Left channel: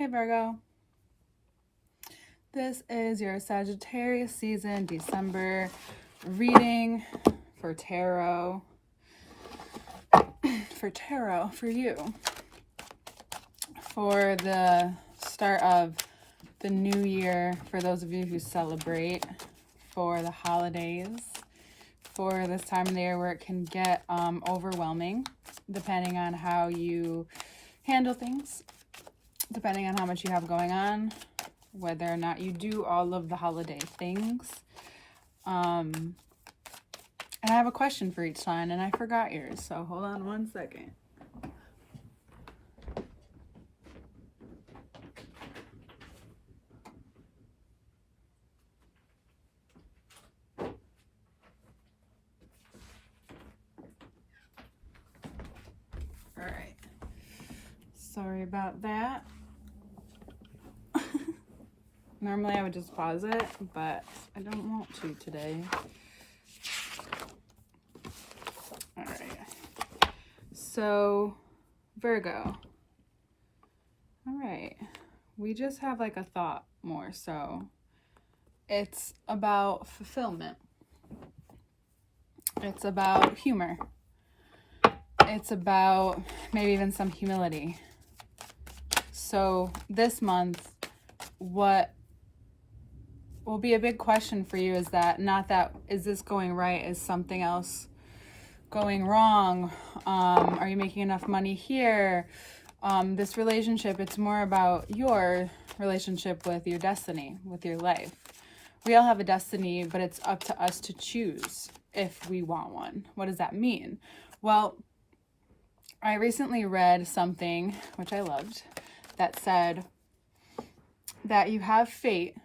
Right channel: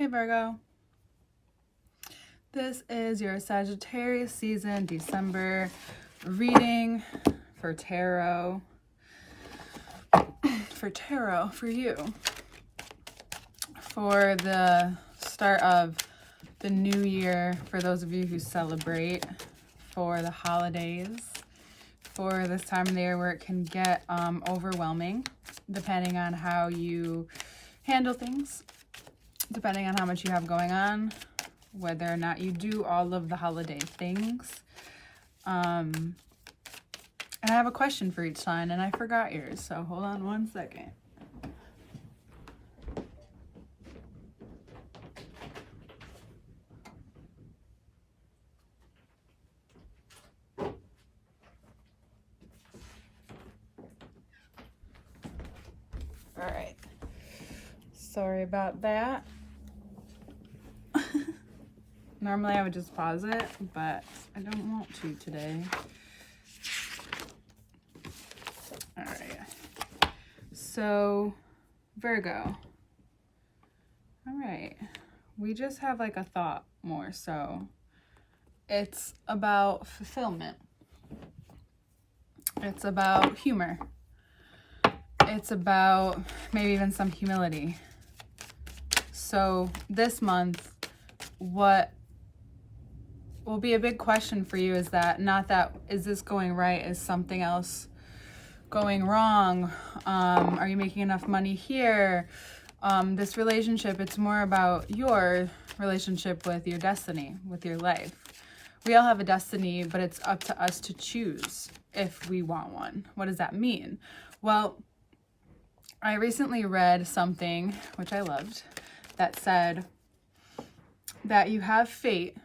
Hey Virgo, this is your Sagittarius season, December reading for tarot. For you. For the start of the new year, for those of you who celebrate, for the holidays, for this time of the year where it can get overwhelming, depending on how you handle things, depending on how much you have going on, whether or not you do all of the holiday things. And I have a question for each sign, and I forgot yours, so hold on one second. All right. Sorry about that. Normally I would just pause it, but I don't want to today. All right. So, Virgo. All right. We just have like a thought more so. It's about fulfillment. It's about humor. It's about maybe even some humility. So this month, what will be a big question for you is that, not that, is this going right? Is something else going wrong? Are you making enough money here? This relationship, it's more about your relationship with your destiny, with your life. We all have a destiny, but it's up to us to choose if we want one. What does that mean? Well, I recently read something, which I loved, that said that you have fate,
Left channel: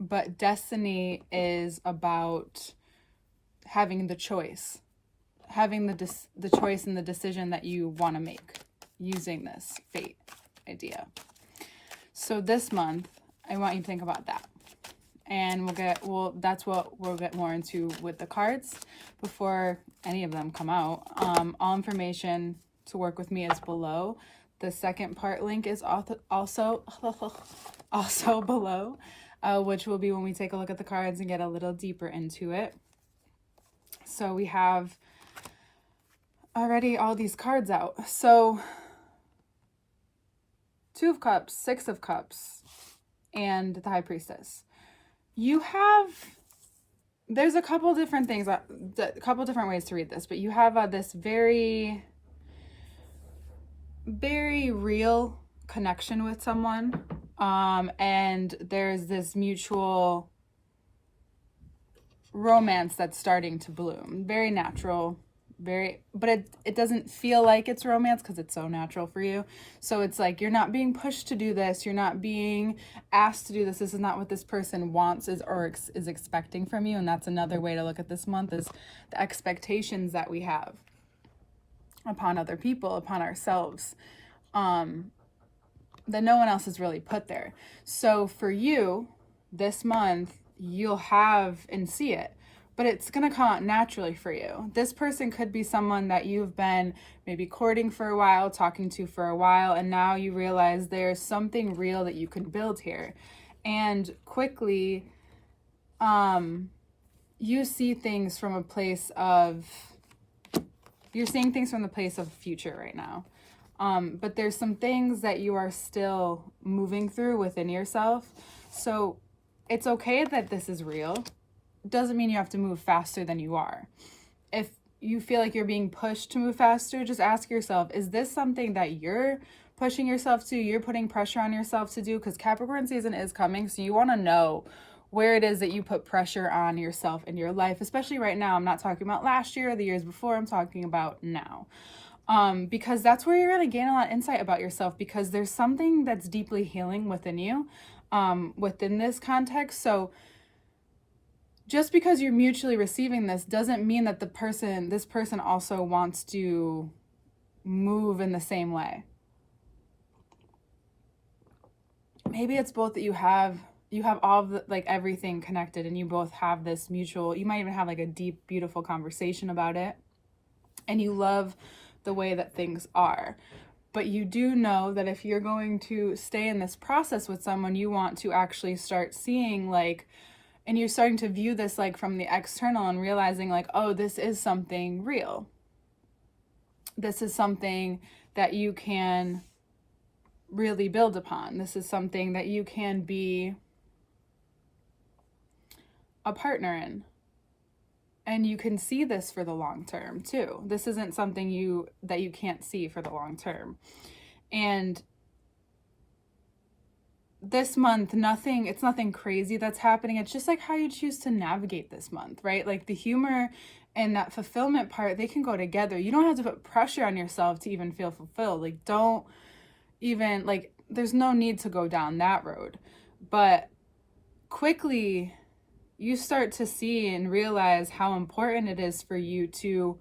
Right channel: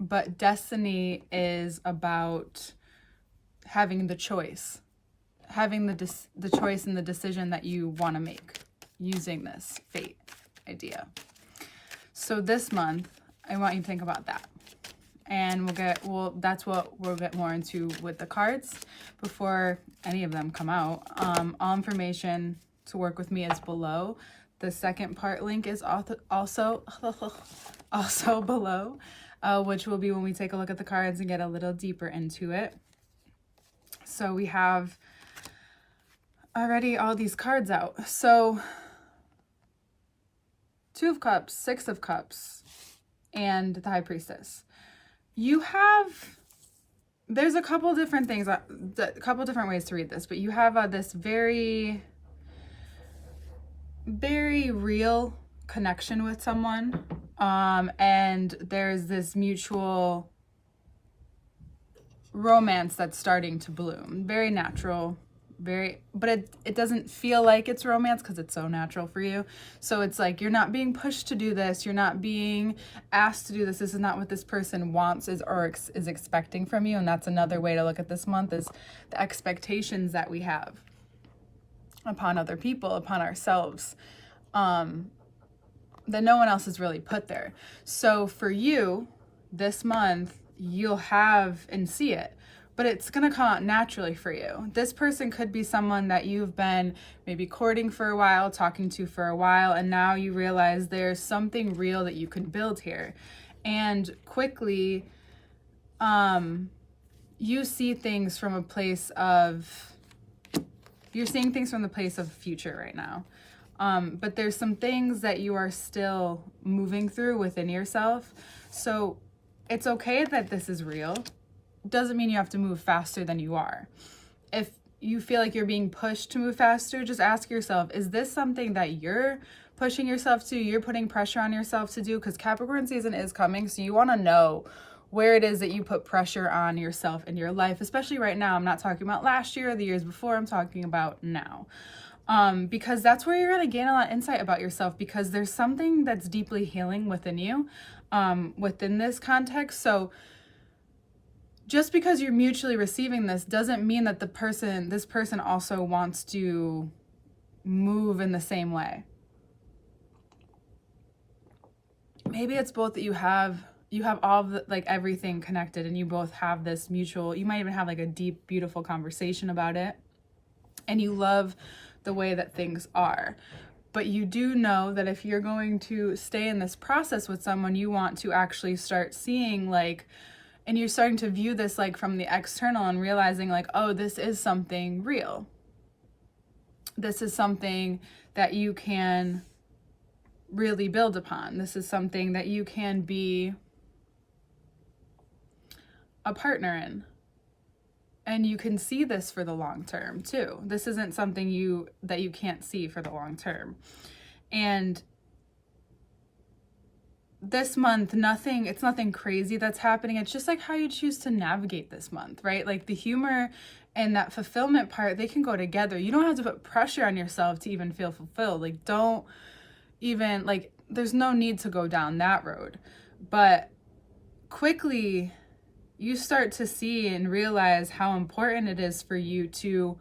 but destiny is about having the choice, having the choice and the decision that you want to make using this fate idea. So this month, I want you to think about that. And that's what we'll get more into with the cards before any of them come out. All information to work with me is below. The second part link is also below, which will be when we take a look at the cards and get a little deeper into it. So we have already all these cards out. So 2 of Cups, 6 of Cups, and the High Priestess. There's a couple different things, a couple different ways to read this, but you have this very, very real connection with someone, and there's this mutual romance that's starting to bloom. Very natural, but it doesn't feel like it's romance because it's so natural for you. So it's like you're not being pushed to do this, you're not being asked to do this. This is not what this person wants or is expecting from you. And that's another way to look at this month, is the expectations that we have upon other people, upon ourselves, that no one else has really put there. So for you, this month, you'll have and see it, but it's going to come out naturally for you. This person could be someone that you've been maybe courting for a while, talking to for a while, and now you realize there's something real that you can build here. And quickly, you see things from a place of, you're seeing things from the place of future right now. But there's some things that you are still moving through within yourself. So it's okay that this is real. Doesn't mean you have to move faster than you are. If you feel like you're being pushed to move faster, just ask yourself, is this something that you're pushing yourself to, you're putting pressure on yourself to do? Because Capricorn season is coming, so you want to know where it is that you put pressure on yourself in your life, especially right now. I'm not talking about last year or the years before, I'm talking about now. Because that's where you're going to gain a lot of insight about yourself, because there's something that's deeply healing within you, within this context. So just because you're mutually receiving this doesn't mean that this person also wants to move in the same way. Maybe it's both, that you have all of the, like, everything connected, and you both have this mutual, you might even have like a deep, beautiful conversation about it, and you love the way that things are. But you do know that if you're going to stay in this process with someone, you want to actually start seeing like, and you're starting to view this like from the external and realizing like, oh, this is something real. This is something that you can really build upon. This is something that you can be a partner in. And you can see this for the long term too. This isn't something that you can't see for the long term. And this month, it's nothing crazy that's happening. It's just like how you choose to navigate this month, right? Like the humor and that fulfillment part, they can go together. You don't have to put pressure on yourself to even feel fulfilled. Like don't even, like, there's no need to go down that road. But quickly, you start to see and realize how important it is for you to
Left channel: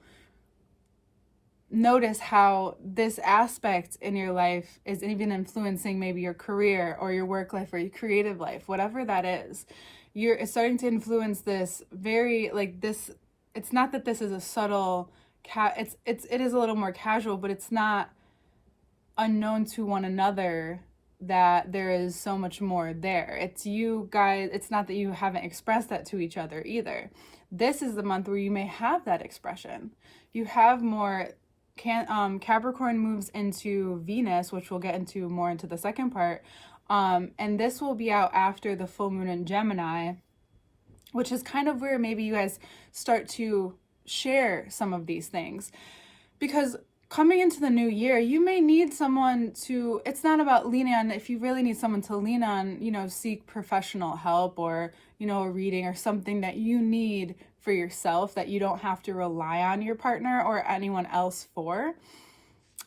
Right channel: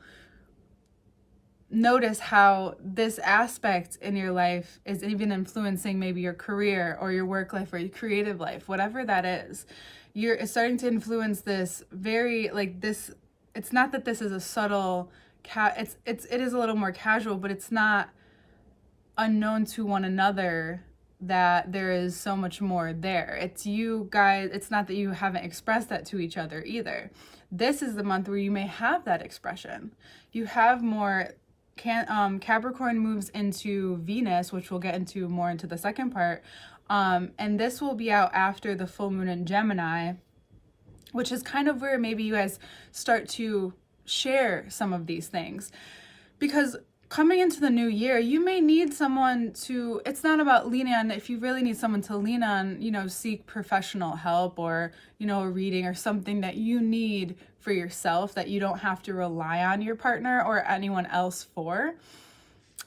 notice how this aspect in your life is even influencing maybe your career or your work life or your creative life, whatever that is. It's starting to influence this very, like this, it's not that this is a subtle, it is a little more casual, but it's not unknown to one another that there is so much more there. It's you guys, it's not that you haven't expressed that to each other either. This is the month where you may have that expression. You have more, Capricorn moves into Venus, which we'll get into more into the second part. And this will be out after the full moon in Gemini, which is kind of where maybe you guys start to share some of these things. Because coming into the new year, you may need someone to, it's not about leaning on, if you really need someone to lean on, seek professional help or, a reading or something that you need for yourself that you don't have to rely on your partner or anyone else for.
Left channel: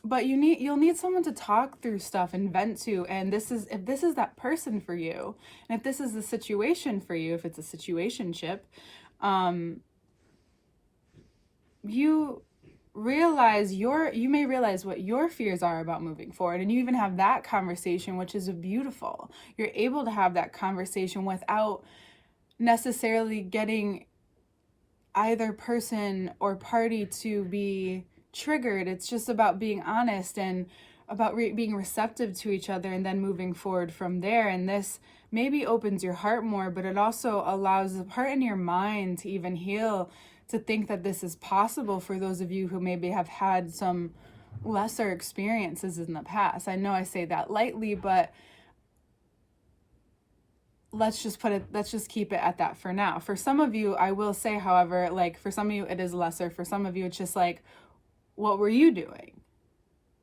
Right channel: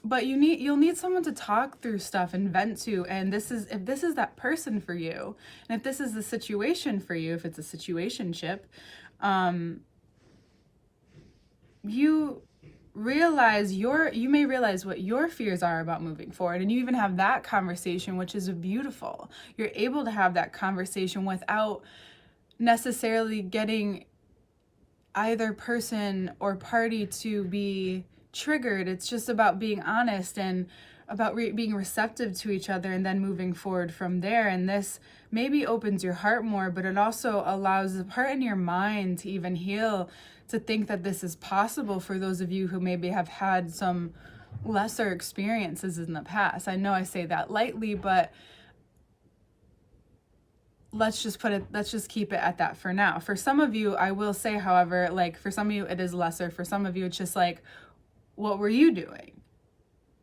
But you'll need someone to talk through stuff and vent to. And if this is that person for you, and if this is the situation for you, if it's a situationship, you may realize what your fears are about moving forward, and you even have that conversation, which is beautiful. You're able to have that conversation without necessarily getting either person or party to be triggered. It's just about being honest and about being receptive to each other and then moving forward from there. And this maybe opens your heart more, but it also allows the part in your mind to even heal, to think that this is possible for those of you who maybe have had some lesser experiences in the past. I know I say that lightly, but let's just keep it at that for now. For some of you, I will say, however, like for some of you it is lesser. For some of you, it's just like, what were you doing?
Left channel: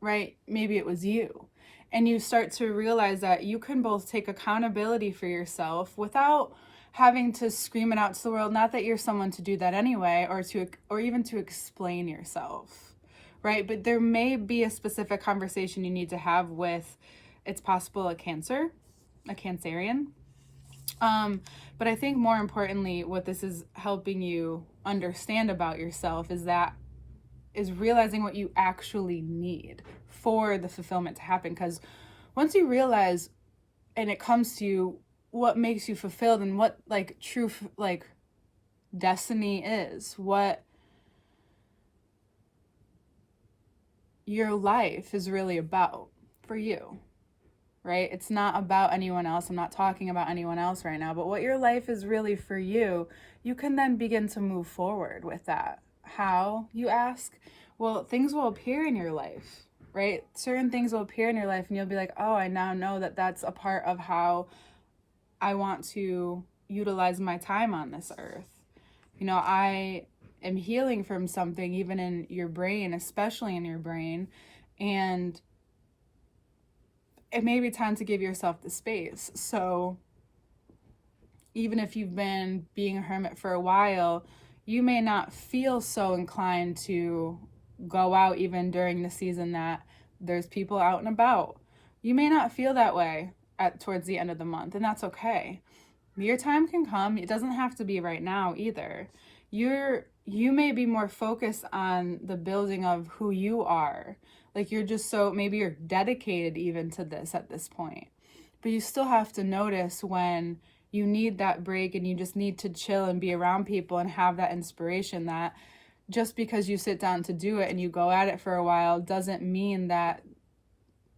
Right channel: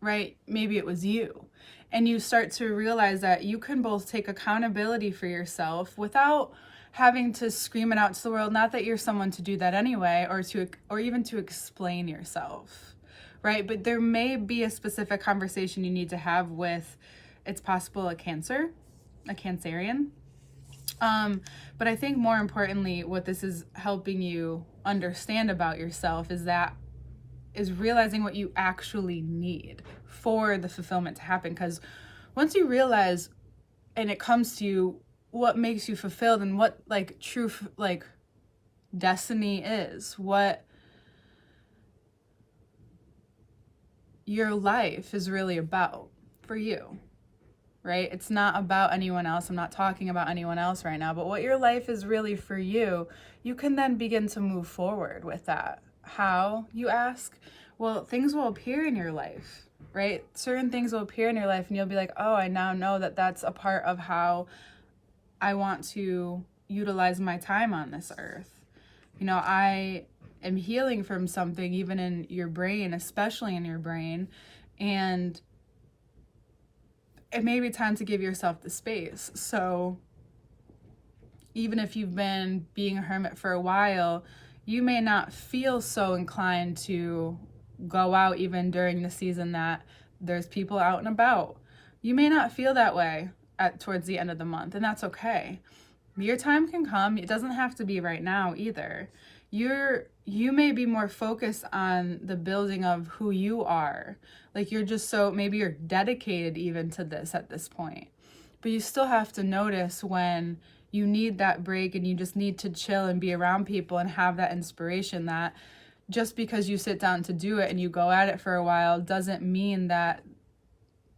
Right? Maybe it was you. And you start to realize that you can both take accountability for yourself without having to scream it out to the world. Not that you're someone to do that anyway, or even to explain yourself, right? But there may be a specific conversation you need to have with, it's possible, a Cancerian. But I think more importantly, what this is helping you understand about yourself is realizing what you actually need for the fulfillment to happen. Because once you realize, and it comes to you, what makes you fulfilled and what like true like destiny is, what your life is really about for you, right? It's not about anyone else. I'm not talking about anyone else right now, but what your life is really for you, you can then begin to move forward with that. How, you ask? Well, things will appear in your life, right? Certain things will appear in your life and you'll be like, oh, I now know that that's a part of how I want to utilize my time on this earth. I am healing from something even in your brain, especially in your brain. And it may be time to give yourself the space. So even if you've been being a hermit for a while, you may not feel so inclined to go out even during the season that there's people out and about. You may not feel that way towards the end of the month, and that's okay. Your time can come. It doesn't have to be right now either. You may be more focused on the building of who you are. Like maybe you're dedicated even to this at this point, but you still have to notice when you need that break and you just need to chill and be around people and have that inspiration, that just because you sit down to do it and you go at it for a while doesn't mean that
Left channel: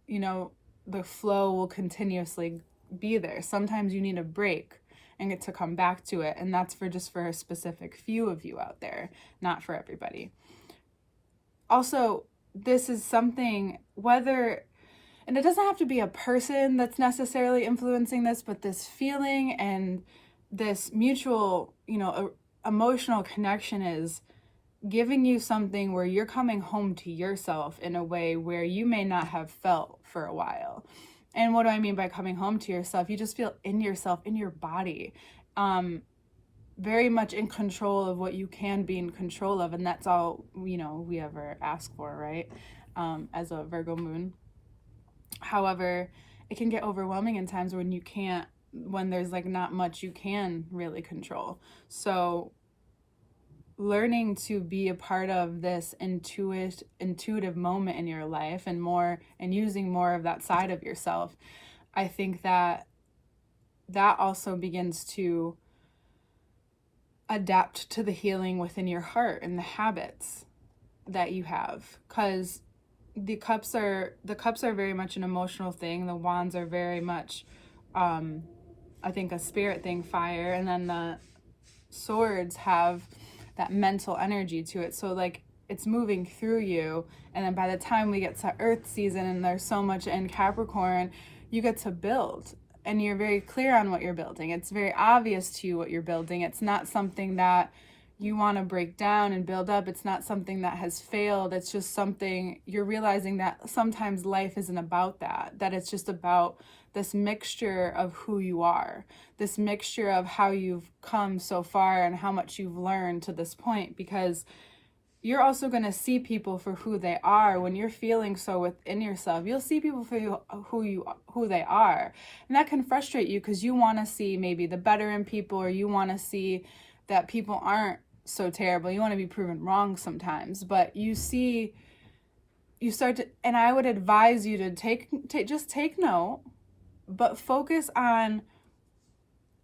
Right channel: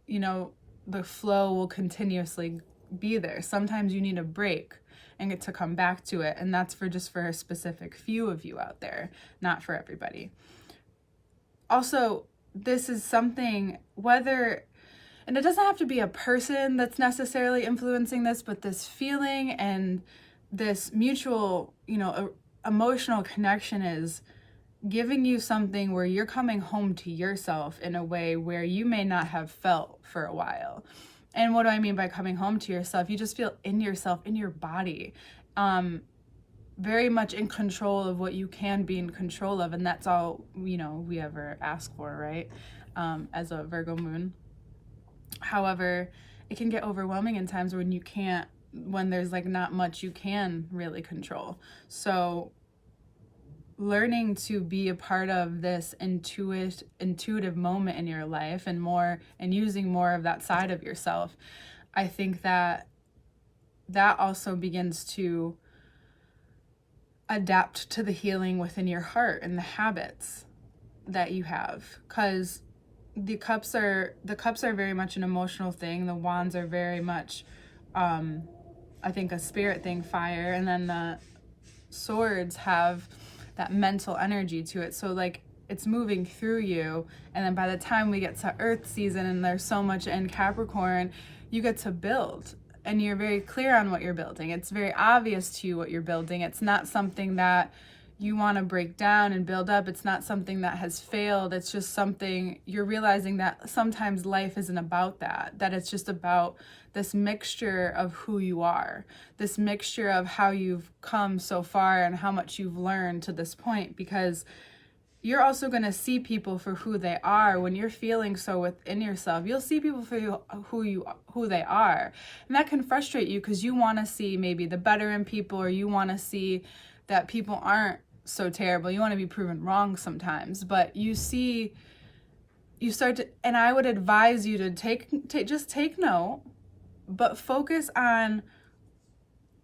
the flow will continuously be there. Sometimes you need a break and get to come back to it. And that's just for a specific few of you out there, not for everybody. Also, this is something, and it doesn't have to be a person that's necessarily influencing this, but this feeling and this mutual, emotional connection is giving you something where you're coming home to yourself in a way where you may not have felt for a while. And what do I mean by coming home to yourself? You just feel in yourself, in your body, very much in control of what you can be in control of. And that's all, we ever ask for, right? As a Virgo moon. However, it can get overwhelming in times when there's like not much you can really control. So learning to be a part of this intuitive moment in your life and using more of that side of yourself, I think that also begins to adapt to the healing within your heart and the habits that you have, because the cups are very much an emotional thing. The wands are very much I think a spirit thing, fire, and then the swords have that mental energy to it. So like it's moving through you, and then by the time we get to Earth season and there's so much in Capricorn, you get to build, and you're very clear on what you're building. It's very obvious to you what you're building. It's not something that you want to break down and build up. It's not something that has failed. It's just something you're realizing that sometimes life isn't about that it's just about this mixture of who you are, this mixture of how you've come so far and how much you've learned to this point, because you're also going to see people for who they are. When you're feeling so within yourself, you'll see people for who they are. And that can frustrate you because you want to see maybe the better in people, or you want to see that people aren't so terrible. You want to be proven wrong sometimes, but you start to, and I would advise you to just take note, but focus on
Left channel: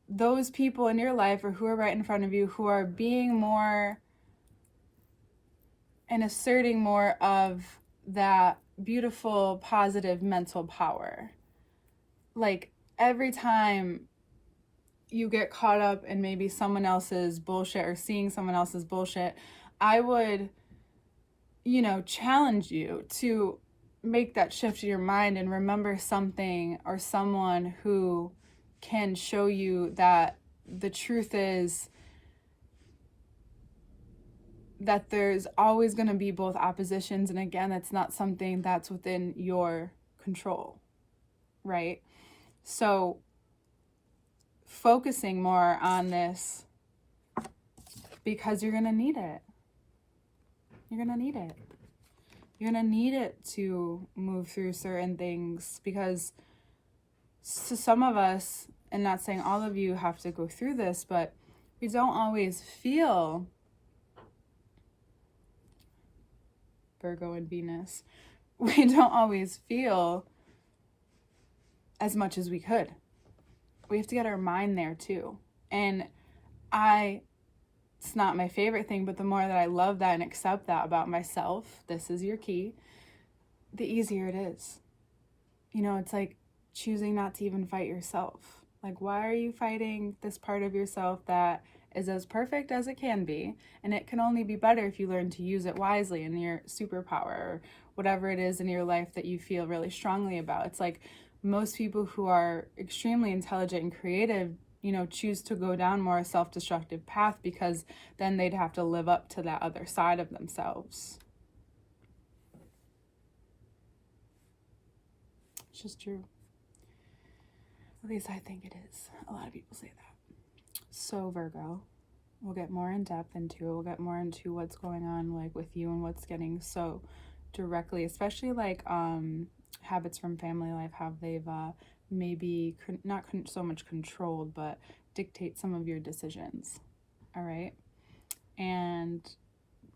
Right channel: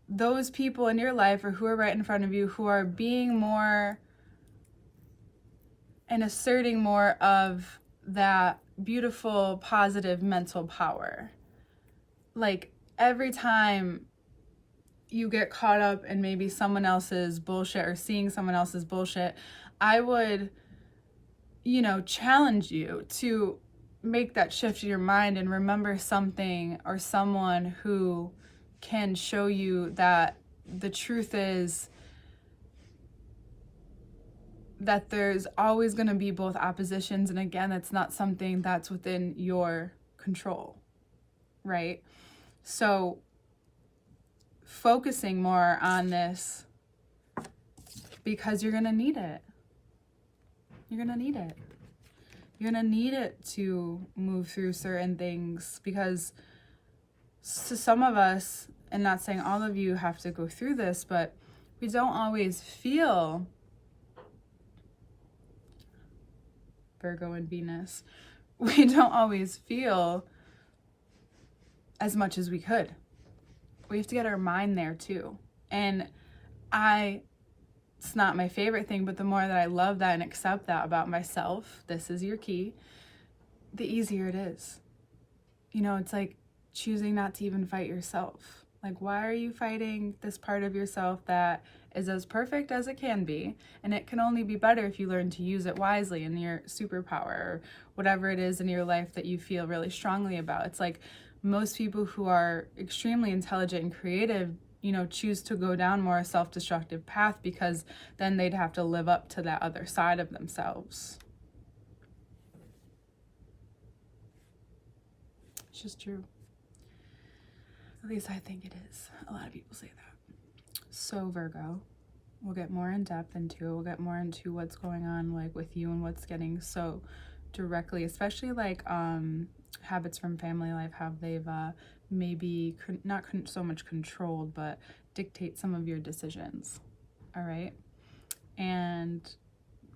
those people in your life or who are right in front of you who are being more and asserting more of that beautiful, positive mental power. Like every time you get caught up in maybe someone else's bullshit or seeing someone else's bullshit, I would, challenge you to make that shift in your mind and remember something or someone who can show you that the truth is that there's always going to be both oppositions. And again, it's not something that's within your control, right? So focusing more on this, because you're going to need it. You're going to need it. You're going to need it to move through certain things, because some of us, and not saying all of you have to go through this, but we don't always feel, Virgo and Venus, we don't always feel as much as we could. We have to get our mind there too. And it's not my favorite thing, but the more that I love that and accept that about myself, this is your key, the easier it is. It's like choosing not to even fight yourself. Like, why are you fighting this part of yourself that is as perfect as it can be? And it can only be better if you learn to use it wisely in your superpower or whatever it is in your life that you feel really strongly about. It's like most people who are extremely intelligent and creative, choose to go down more a self-destructive path, because then they'd have to live up to that other side of themselves. It's just true. At least I think it is. A lot of people say that. So Virgo, we'll get more in depth into it. We'll get more into what's going on like with you and what's getting so directly, especially like habits from family life, how they've maybe not so much controlled, but dictate some of your decisions. All right. And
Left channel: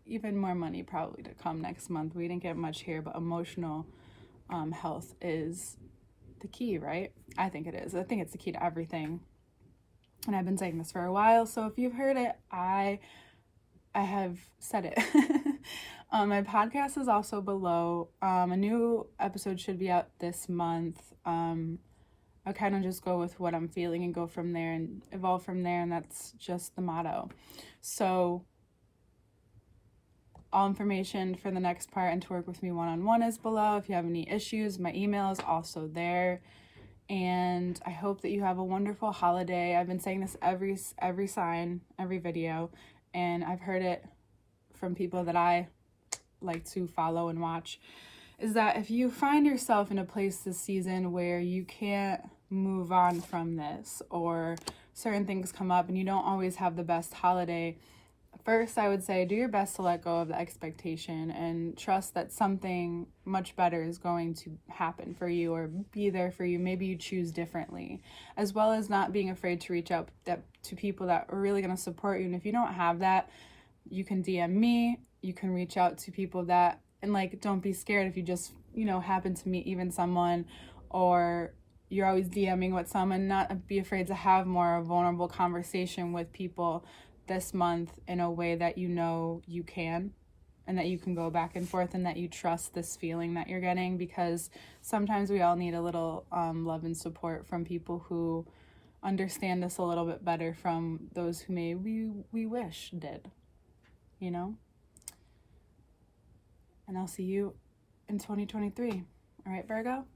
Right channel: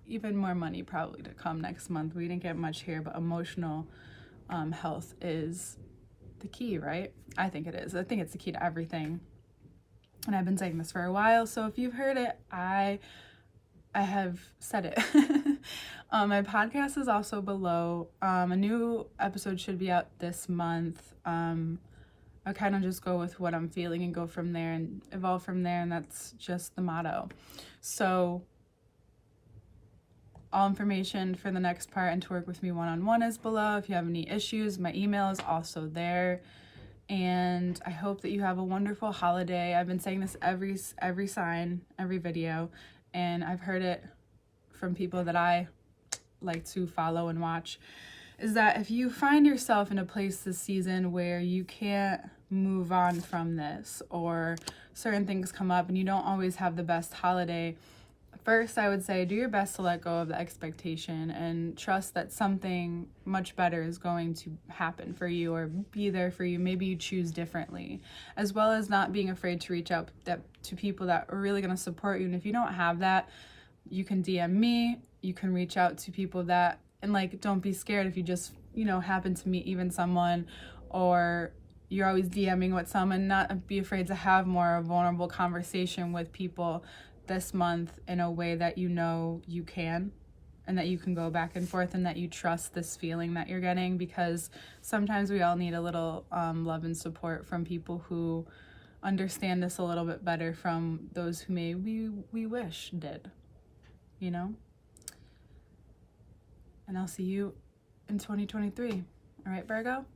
even more money probably to come next month. We didn't get much here, but emotional health is the key, right? I think it is. I think it's the key to everything. And I've been saying this for a while, so if you've heard it, I have said it. My podcast is also below. A new episode should be out this month. I kind of just go with what I'm feeling and go from there and evolve from there, and that's just the motto. So all information for the next part and to work with me one-on-one is below. If you have any issues, my email is also there. And I hope that you have a wonderful holiday. I've been saying this every sign, every video, and I've heard it from people that I like to follow and watch, is that if you find yourself in a place this season where you can't move on from this, or certain things come up and you don't always have the best holiday, first, I would say do your best to let go of the expectation and trust that something much better is going to happen for you or be there for you. Maybe you choose differently, as well as not being afraid to reach out to people that are really going to support you. And if you don't have that, you can DM me, you can reach out to people that, and like, don't be scared if you just, happen to meet even someone, or you're always DMing with someone, not be afraid to have more vulnerable conversation with people this month in a way that you can, and that you can go back and forth, and that you trust this feeling that you're getting, because sometimes we all need a little love and support from people who understand us a little bit better from those who maybe we wish did, And I'll see you in 2023. All right, Virgo?